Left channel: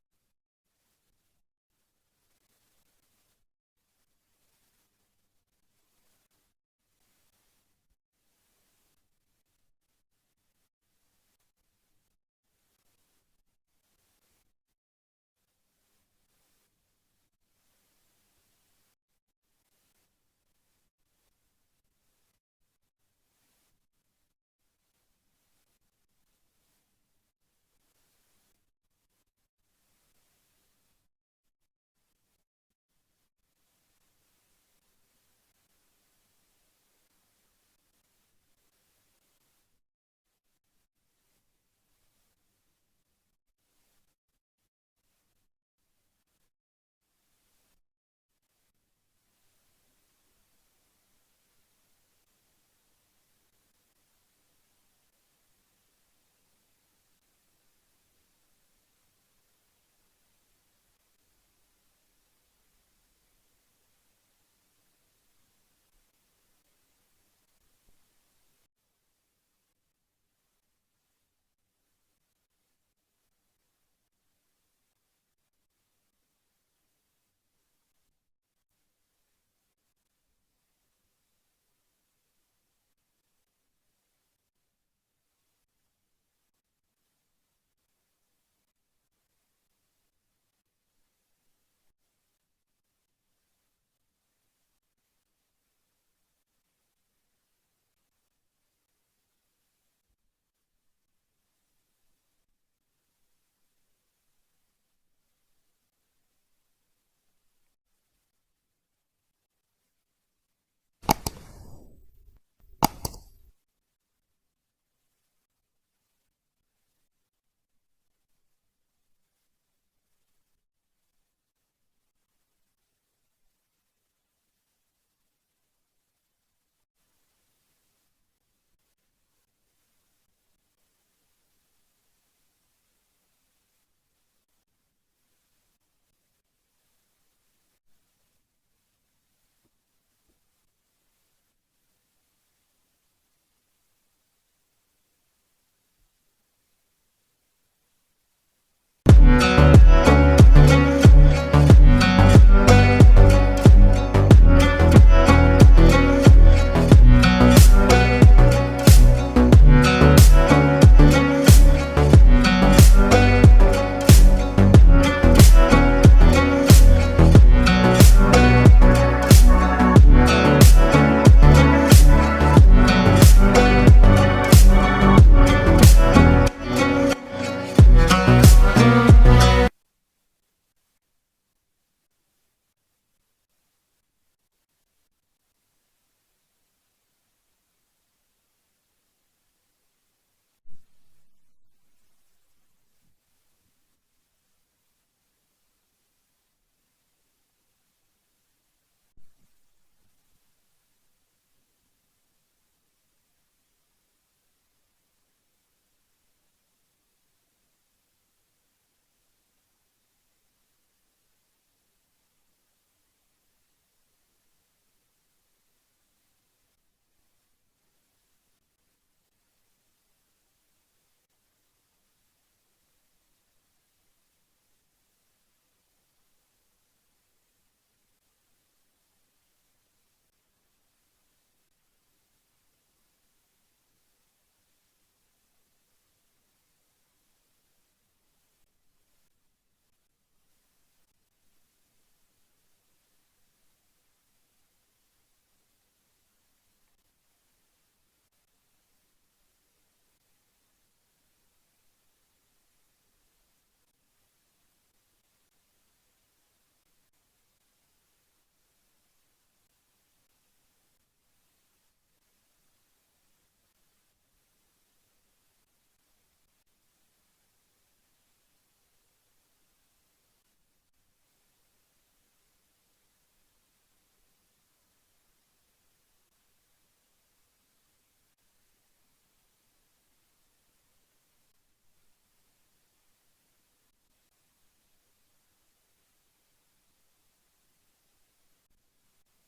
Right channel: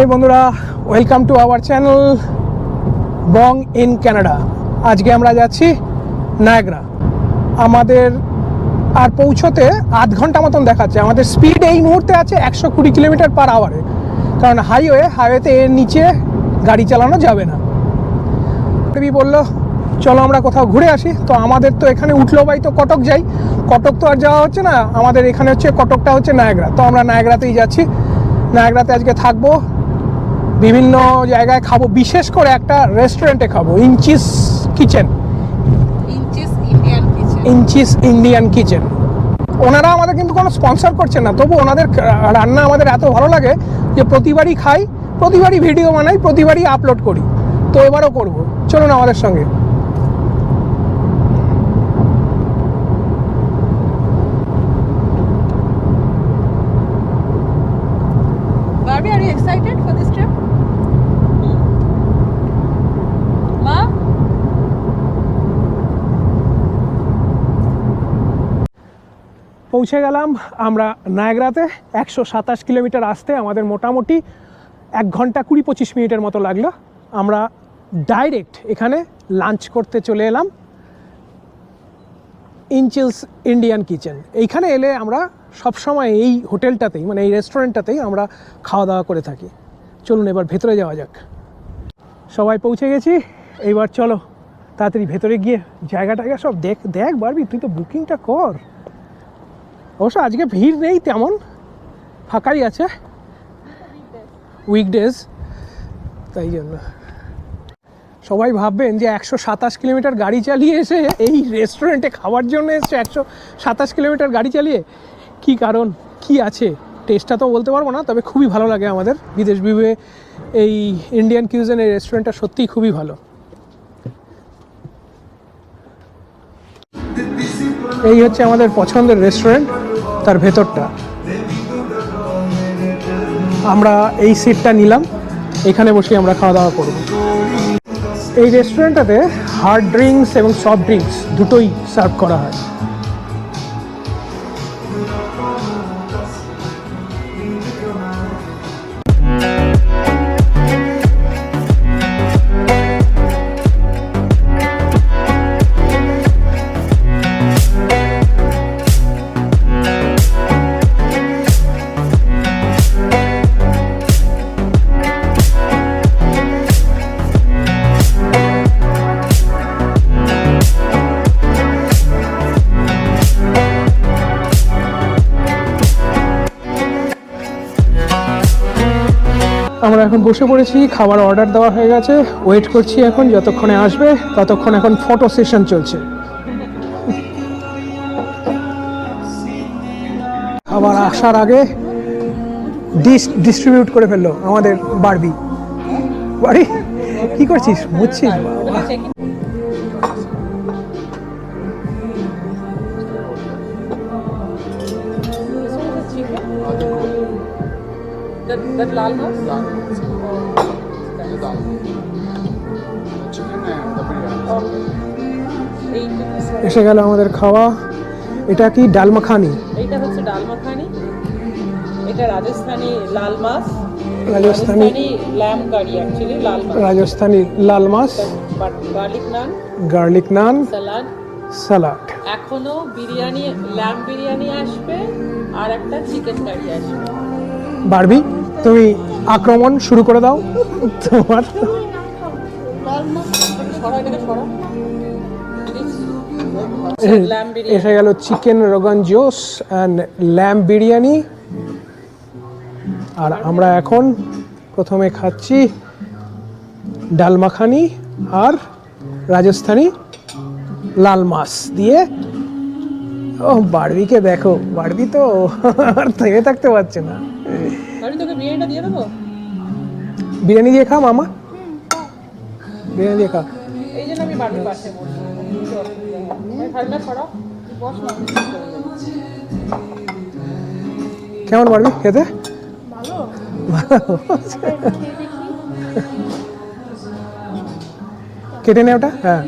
এই বন্ধুরা welcome to our channel bong in Canada আজকে আমরা যাচ্ছি নায়গ্রা আমাদের আর পৌঁছতে আধ ঘণ্টা মতন দেখাচ্ছে। আমাদের স্পিড এই মুহূর্তে আছে একশো কুড়ি কিলোমিটার পার আওয়ারে কারণ হাইওয়ে হাইওয়েতে এর নিচে গাড়ি চালানো যাবে না। রবি বলল, চলো আমরা কোথাও ঘুরে আসি। তো আমাদের তো এখানে উঠল বাই তো কটক যাই। কটক তো আর যাওয়া হচ্ছে না। আমাদের এখানে হচ্ছে, কটকটা হচ্ছে নায়গ্রা তো আমরা নায়গ্রাতেই যাচ্ছি। নায়গ্রাতে আজকে থাকব। বিভিন্ন জায়গায় খাব। বিশেষ করে একটা রেস্টুরেন্টে খাব inches kitchen inches Indian kitchen ওনারা আমাদের কিন্তু কোনো স্পন্সর করছেন না তবু ওনাদের রান্না আমাদের এত ভালো লাগে যে প্রতিবারই খাই প্রতিবারই ভিডিও বানাই প্রতিবারই আপলোড করি। তো এবারও করব। চলুন আমাদের সঙ্গে। Barbie, are you excited for this trip? মা পৌঁছে গেলাম আমরা নায়গ্রাতে। একশো সাতাশ কিলোমিটার আসতে আমাদের মোটামুটি এক ঘণ্টা কুড়ি পঁচিশ মিনিটের মতো লাগল। আমরা ডাইরেক্ট এখানে লাঞ্চ করতে চলে এলাম। ইনচিলস ইন্ডিয়ান কিচেন এইখানে এলে আমরা সবসময় এই হোটেলটাতেই মানে এই রেস্টুরেন্টটাতেই আমরা খাওয়া দাওয়া করে থাকি। চলুন এবার ভেতরে যাওয়া যাক। সবাই পৌঁছে গেছি। এইবার চলো তাড়াতাড়ি ভেতরে গিয়ে জায়গা টায়গা সব দেখ দেখ বারবি, তুই তো বুকিংটা কর। অবশ্য আজকে ভিড় নেই তেমন, ফাঁকাই আছে। উইকডেজ তাই জন্য। সবাই ভাববেন যে একশো সাতাশ কিলোমিটার গাড়ি চালিয়ে এসে এই রেস্টুরেন্টে খাওয়ার জন্য এসছে একশো সাতাশ কিলোমিটার গাড়ি চালিয়ে? কি কারণ? কি আছে? টেস্টটা তো বলতে পারব না, তবে খুবই ভালো লাগে আমাদের বিদেশ বিভে এই ইন্ডিয়ান কিউজেন এই রেস্টুরেন্টটা সত্যিই খুবই ভালো। এই হচ্ছে আমাদের পছন্দের রেস্টুরেন্ট তার ভেতরটা। আমরা এই সিটটা নিলাম, এখানে বসে আমরা খাওয়া দাওয়া করব। এই রেস্টুরেন্টটাতে হার্ড ড্রিঙ্কস এবং সফট ড্রিঙ্কস দুটোই সার্ভ করা হয়। বসে পড়েছি, খাবার অর্ডার দেওয়া হয়ে গেছে। ওয়েট করছি এখন, যতক্ষণে আসবে, ততক্ষণ এখন ফটো সেশন চলছে। খাবার আসার আগে ডিস ডিস্ট্রিবিউট করে ফেলল আমাদের বারবি বাড়ি? কি করছিস? বুঝছিস That, that lal mas? এইটা এসে গেল আমাদের খাওয়া। এটা কি ডাল মাখানি? এইটা হচ্ছে ডাল মাখানি। এটা রাজস্থানি লাল মাছ। রাজস্থানি ল্যাম কারি অ্যাকচুয়ালি লাল মাছ। রাজস্থানি লাল মাছ। Garlic naan garlic naan salad salad এখনও বিরিয়ানি ল্যাম বিরিয়ানি আসবে আর একটা চিকেন কারি আসবে। বারবি? তুমি আক্রমণ শুরু করে দাও। তোমার ল্যাম এসে গেল চিকেন রোগান জোস অ্যান্ড ল্যাম্প বিরিয়ানি। আর আমরা এখন প্রথমে খাচ্ছি ডাল মাখানি আর রাজস্থানি লাল মাছ দিয়ে। ও, বারবিকে দেখো, বারবি তো আর থেমে থাকতে পারছে না। আমি তোকে বিরিয়ানিটা দিয়ে দেবো? বিরিয়ানি দিয়ে খা মামা। বিরিয়ানি দিয়ে খা। এই জন্য আমি বাড়ির পাশে। ঠান্ডা। কেমন পারবি খেতে? কেটে নে ওটা হ্যাঁ।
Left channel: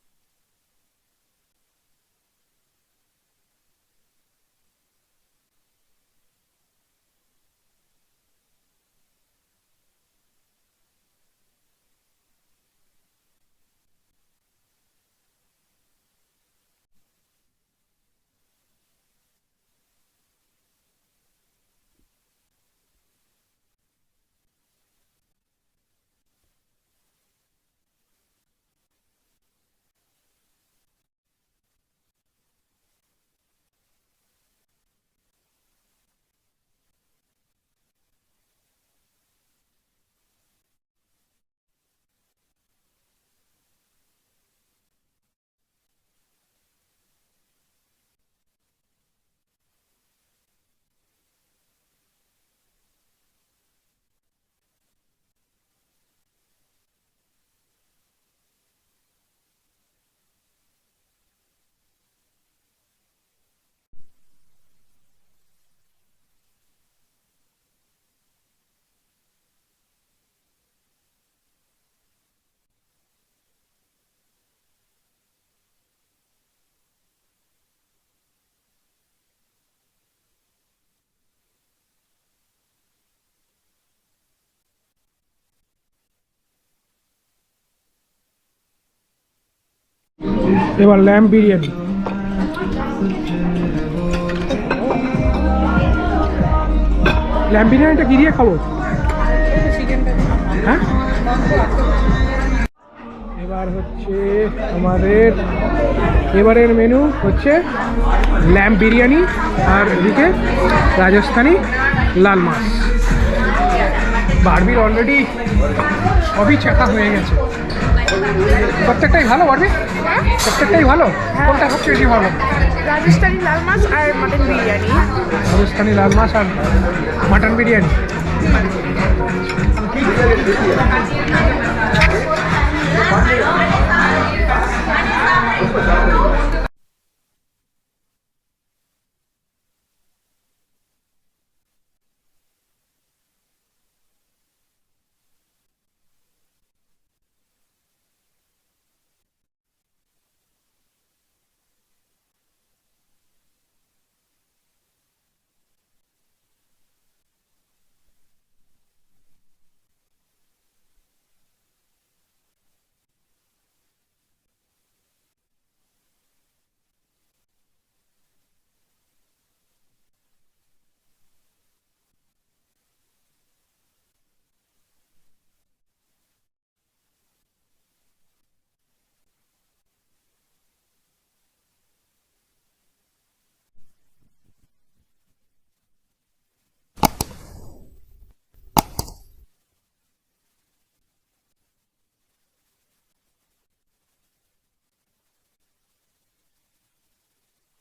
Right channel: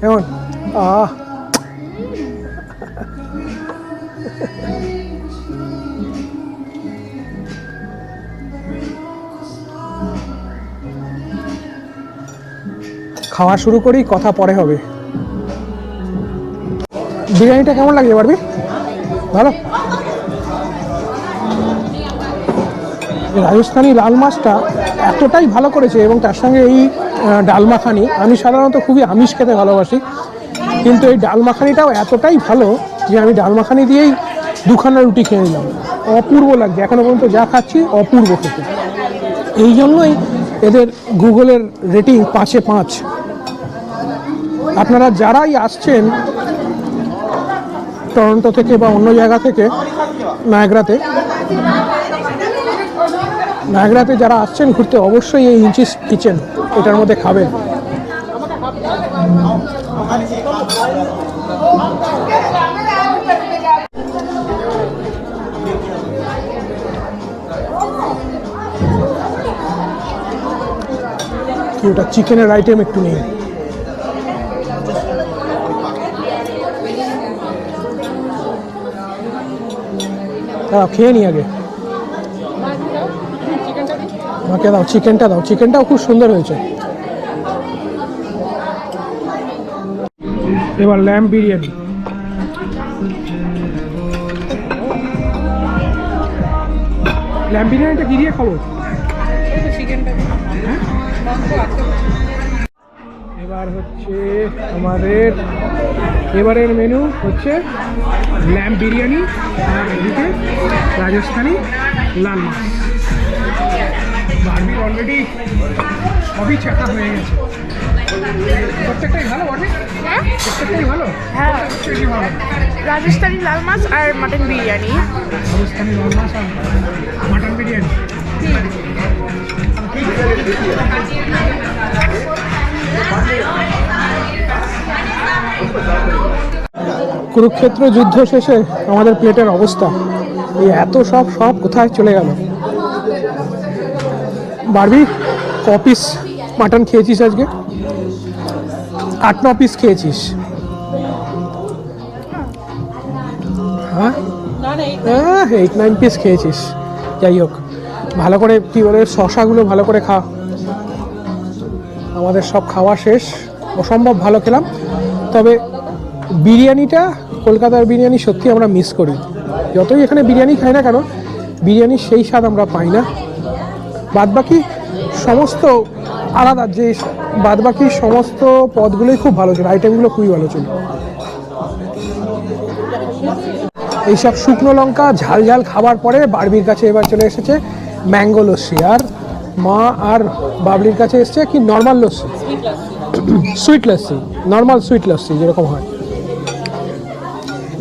কেমন আহ খাওয়া শুরু করি, কথা পরে হবে। বিরিয়ানিটা কেমন লাগছে পারবি ভালো? রাজস্থানি লাল মাছটা এতটাই ভালো করেছে, এবং তার সঙ্গে এই ডাল মাখানি। আমি সাধারণত খুবই আমিষ খেতে ভালোবাসি। কিন্তু এই ডাল মাখানিটাও এতটাই ভালো যে আমি ডাল মাখানি দিয়েই দুখানা রুটি খেয়ে নিলাম। অপূর্ব লাগছে। এখনও পর্যন্ত যা খাচ্ছি অপূর্ব খেতে। এই জন্যই এদের গুগলের রেটিং পাঁচে পাঁচ। আপনারা যারাই আসছেন টরন্টো থেকে বা অন্য জায়গা থেকে, নায়গ্রাতে নায়গ্রাতে যারা আসছেন ঘুরতে অবশ্যই এই ইঞ্চিস কিচেন, এটার মধ্যে খাবেন। ওটা চিকেনের আইটেম একটু নেই খেয়ে নি আগে। আমাকে দাও চিকেনটা দাও। চিকেনটাও খুব সুন্দর হয়েছে। এবার ল্যাম্প বিরিয়ানি। ল্যাম্প বিরিয়ানিটা কি দিয়ে খাব? হ্যাঁ? এবার হচ্ছে আমাদের এবারের মেনু হচ্ছে ল্যাম্প বিরিয়ানি, আর এদিকে রাজস্থানি লাল মাছ। বারবির অলরেডি সবই চেখা হয়ে গেছে। প্রত্যেকটাই ভালো বারবি প্রত্যেকটাই ভালো? কোনটা সবচেয়ে বেশি ভালো? রাজস্থানি লাল মাছ আর মাটন বিরিয়ানি। রাজস্থানি লাল মাছ আর মাটন বিরিয়ানি। কুরুক্ষেত্র যুদ্ধ শেষে আমাদের প্লেটের অবস্থা। এই এত সব সব কোথায় চলে গেল? বারবি, ক পিস মাটন খেয়েছিস আজকে? আট, ন পিস খেয়েছিস। হ্যাঁ? হ্যাঁ এইট নাইন পিস খেয়েছিস। যাই হোক, ভালো করে কী বলে, শশাগুলো ভালো করে খা। আমাদের সব খাওয়া শেষ। অসম্ভব ভালো খেলাম। তবে বিরিয়ানিটা, কলকাতার বিরিয়ানি সত্যি আমরা মিস করি। যতই এখানে বিরিয়ানি খাই না কেন, বিরিয়ানির সেই স্বাদ আমরা পাই না। বাদবাকি সমস্ত আলাদা, যে বাদবাকি সমস্ত পদগুলোই খুব ভালো ছিল আইটেমগুলো খুবই ভালো ছিল। এইসব শুকনো লঙ্কা, ঝাল ঝাল খাবার পরে বারবির কাছে এবার চলে এসেছে ম্যাঙ্গো লস্যি। আর মা আর বাবলির কাছে এসেছে কি normal lassi? Sweet lassi normal sweet lassi যেরকম হয়।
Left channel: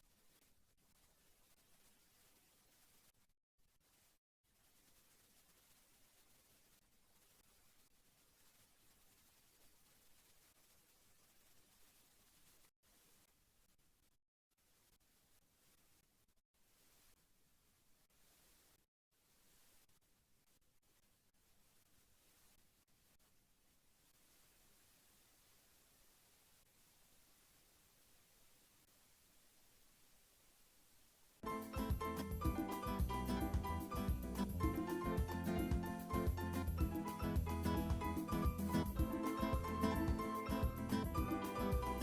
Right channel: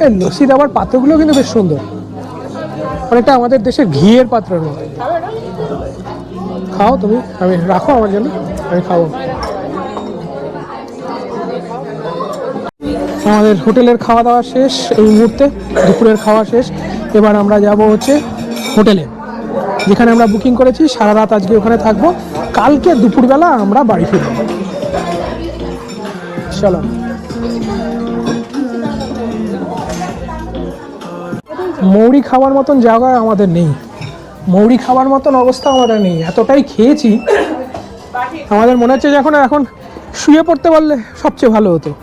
এই লস্যি দেওয়ার পাত্রগুলো কিন্তু বেশ সুন্দর। অনেকটা আমাদের দেশের ঘিয়ের পাত্রের মতো খাও, তুমি আমি রাখো আমার জন্য, আমি খাব। আমাদের হোটেলের খাওয়া দাওয়া শেষ, এই মুহূর্তে দুপুরের খাওয়া শেষ। এবার আমরা যাব হচ্ছে হোটেলে, যেখানে আমরা বুকিং করেছি, সারা রাত আজকে ওখানে থাকব। কালকে দুপুরবেলা আমরা বাড়ি ফিরব। চলো। মৌরি খাওয়ার মতন জায়গা আমাদের নেই। মৌরি খাওয়ার মতন অবস্থা আমাদের নেই, এতটাই খেয়েছি। আমাদের মনে হচ্ছে যে এখন এখন শুয়ে পড়তে পারলে সবচেয়ে ভালো হতো।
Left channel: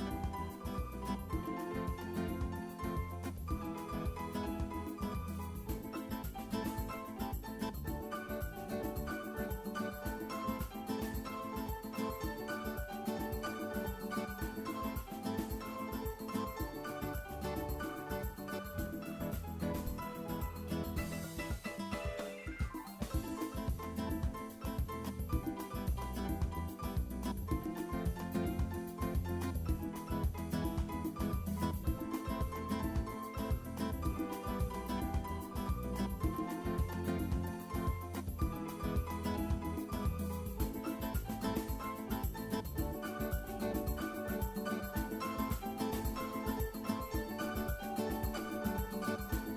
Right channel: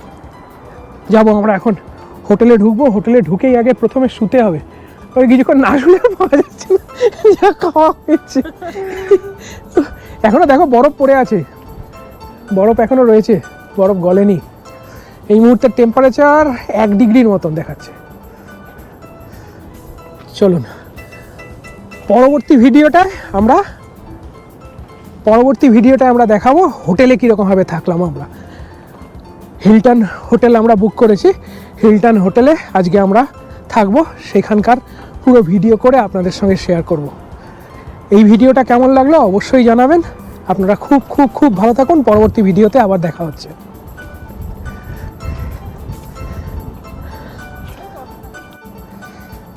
যাব আমরা এখন, হোটেলে ঢুকবো, হোটেলে ঢুকেই আগে প্রথমে শুতে হবে। ওই কিছুক্ষণ না শুলে পাওয়া যাচ্ছে যা খাওয়া হয়েছে। এখনও দেখো বরফ পড়ে আছে, বরফ এখনও রয়েছে, বরফ গলেনি। এই মুহূর্তে টেম্পারেচার এক ডিগ্রির মতন দেখাচ্ছে। চলুন। পরবর্তী ভিডিওটায় আমরা, পরবর্তী ভিডিওটায় আমরা দেখাবো, হোটেলে কীরকমভাবে থাকলাম আমরা। হিলটন হোটেল আমরা বুক করেছি। হিলটন হোটেলে আজকে আমরা থাকব। সেখানকার পুরো ভিডিও করে আপনাদের সঙ্গে শেয়ার করব। এই ভিডিওটা কেমন লাগল অবশ্যই জানাবেন। আপনারা খুব খুব খুব ভালো থাকুন। পরবর্তী ভিডিওতে আবার দেখা হচ্ছে।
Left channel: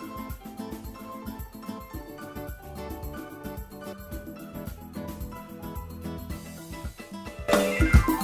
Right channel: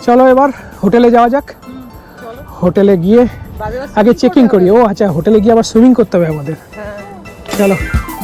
চলো এবার হোটেলে যাওয়া যাক। হোটেলে গিয়ে আগে চেকিং করি। ও আচ্ছা হোটেলে গিয়ে আবার সুইমিং করতে হবে আমাদের। চলো। তো দেখা